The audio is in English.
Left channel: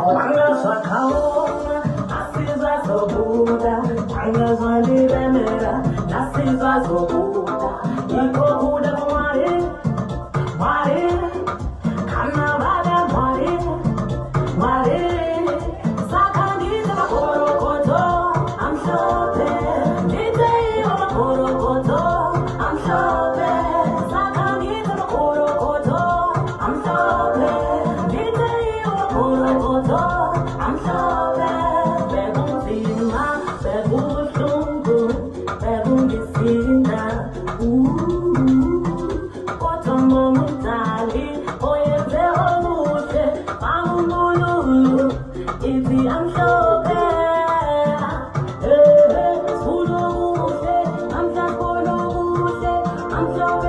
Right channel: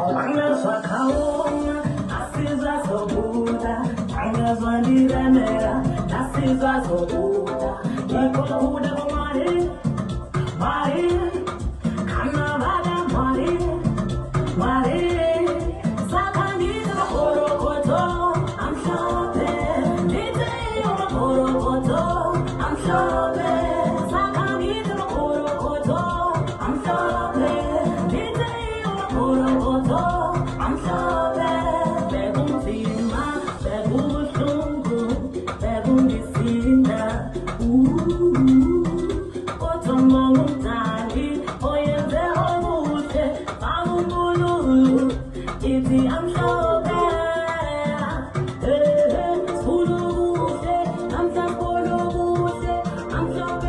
Swakaoma, Asiza Sobuda, Anazwandiremera, Asiza Sobuda, Iko Buda Mwari, Mwari, Kanavada Mwari, Mwari, Sakaniza Orokoto, I'm shopping, Nitei Orokoto, I'm shopping, Sakaniza Orokoto, I'm shopping, Nitei Orokoto. I'm sorry, begun fina, begun sungu, begun fina. Otomo mutali, oye vero mute, amululu, iti I'm sorry. I'm just